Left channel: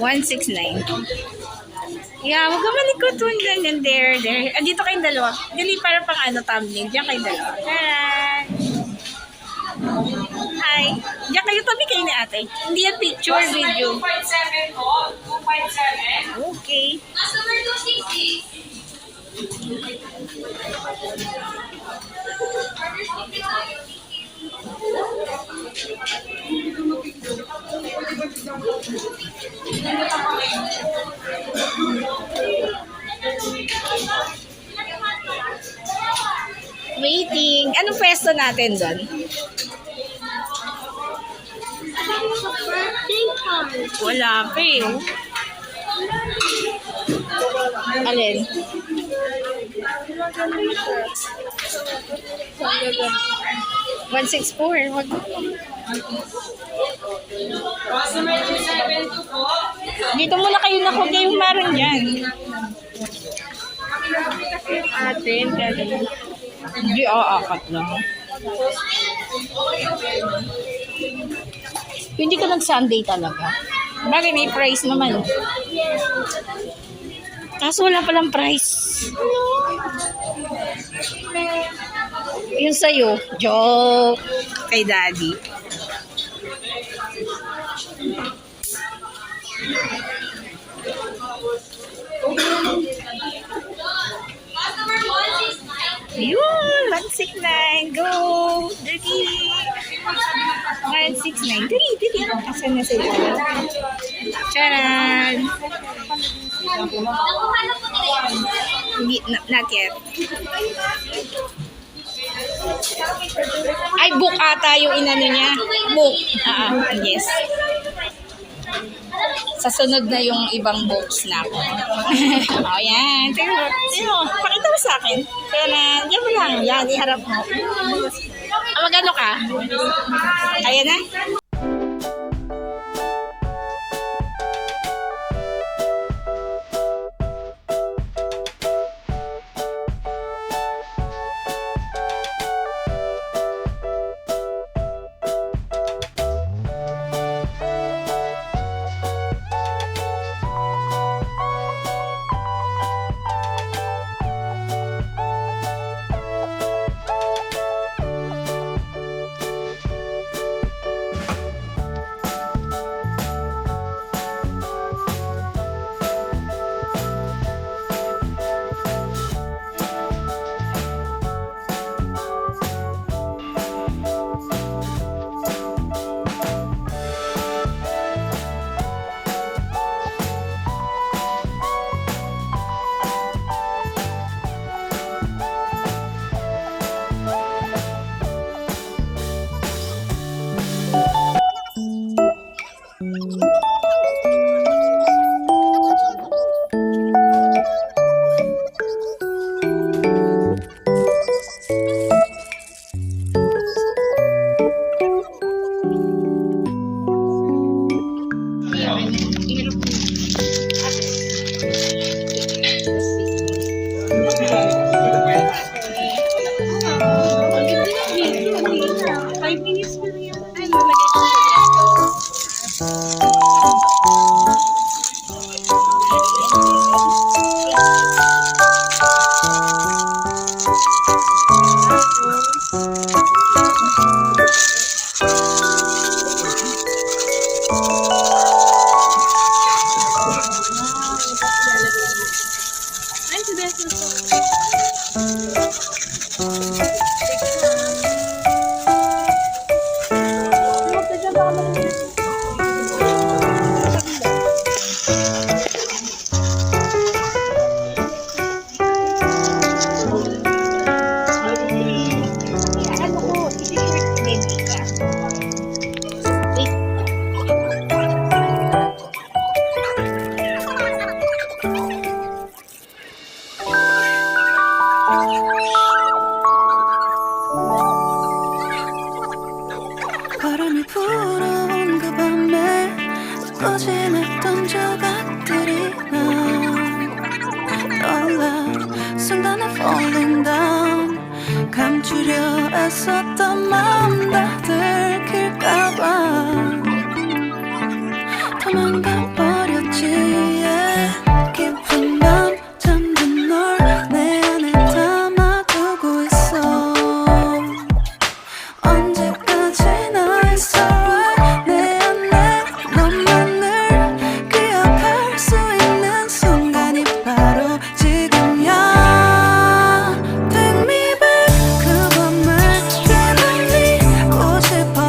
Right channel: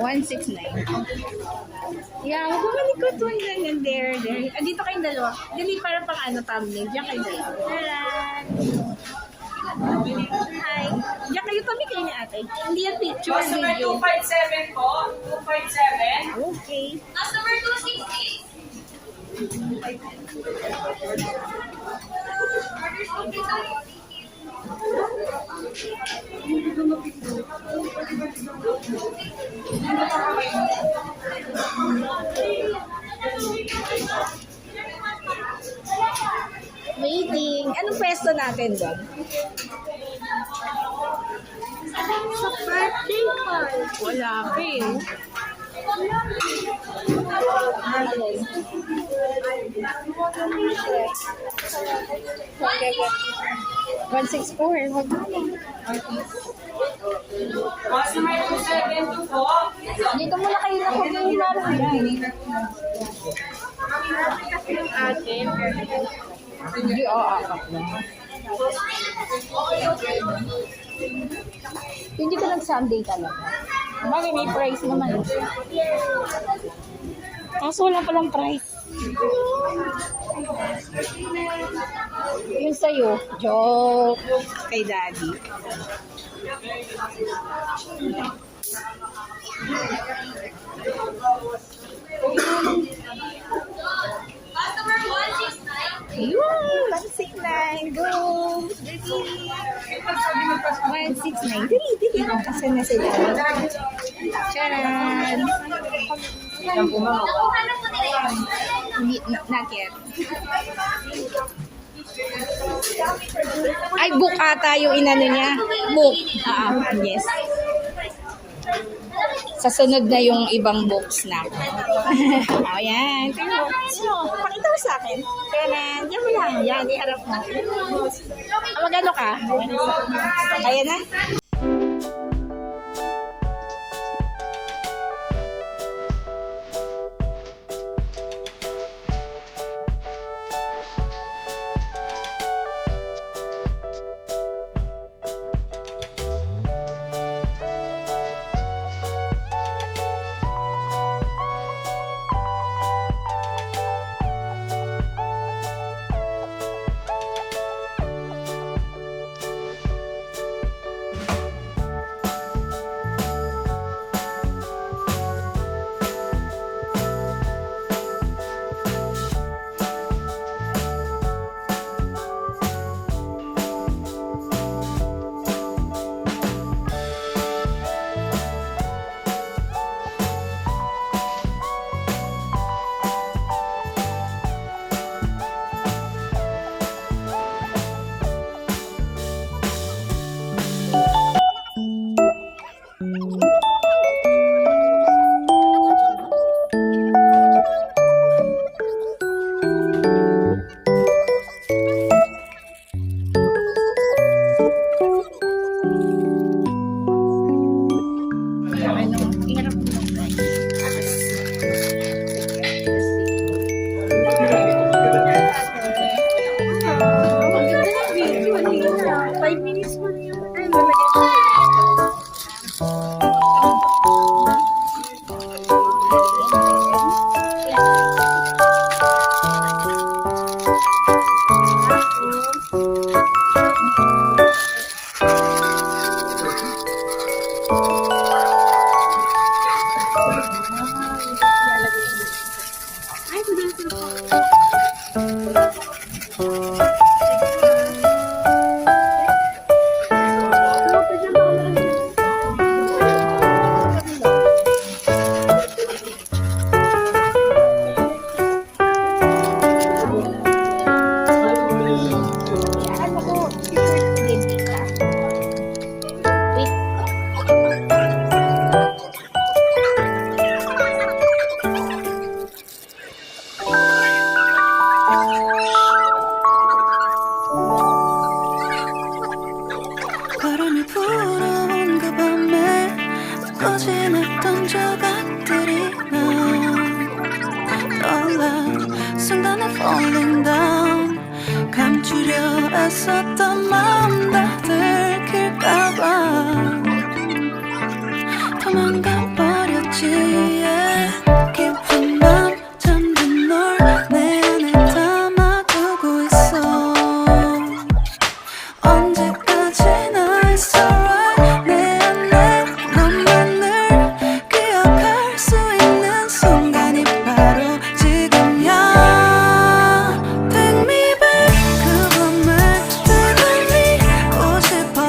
169. Yeah, huwag ka malikot. Ganyan. There. Andito kayong dalawa. Dili para pang thumbnail. Diyan kayong dalawa. Hi. Diyan kayo, tabi kayo ni ate. Hindi yan picture, video. 257 po. 257. Okay. Customer 260. Waiting. Anong pwesto natin doon? Wala pa eh. Alin? 164. Wag mo. Customer 272 po. Dito muna kayo nakuha yung maroon dyan. Atin, kaya Hindi aakat na. Hindi ka nag-Sunday talaga. Bakit may price naman? Kaso wala palang price. Yung sa'yo, joke kay daddy. Customer 169. Yun, 169. Go! Dali! 169. Dali. Asan na sila? Charan! Nakuha na po nila yun. Not yet. Ay, book ata yung inano niya. Book. Yes. Sa sunod na yung ibang books na ako. O, yan. Tingnan mo. Pakita mo sa akin. Yan. Diyan mo lang. Yan, iharap mo. Magano ka? Kaya na? 바람이 불어온 그 밤에 웃고 지냈던 조각들이 난 떠올라 순간에 falling down 감추려 애썼던 마음 다 들킬까봐 도망가 버렸지 yeah. 깊은 밤 잠든 널 내 안에 담아두고 있어 언제까지나 it's alright 내 안에 너만을 기억할 수 있는 순간이 바로 지금이야 Take me back 그 밤을 되돌리고 싶어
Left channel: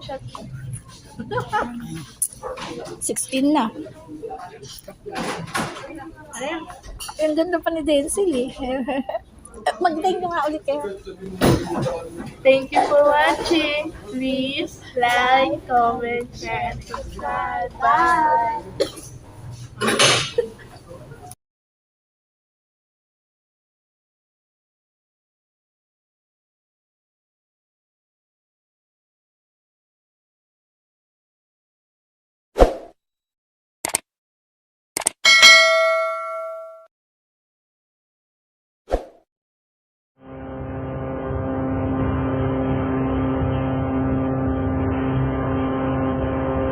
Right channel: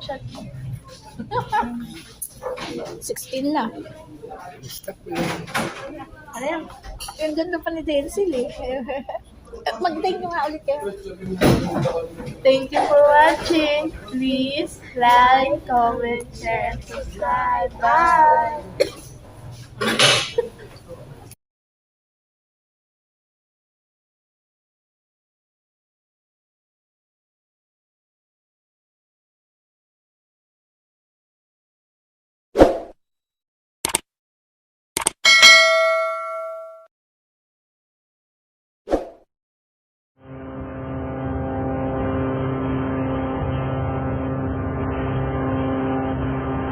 screenshot mo. 16 na. Ano yan? Ang ganda pa ni Denzel eh. Mag-thank you nga ulit kayo. Thank you for watching. Please like, comment, share, and subscribe. Bye!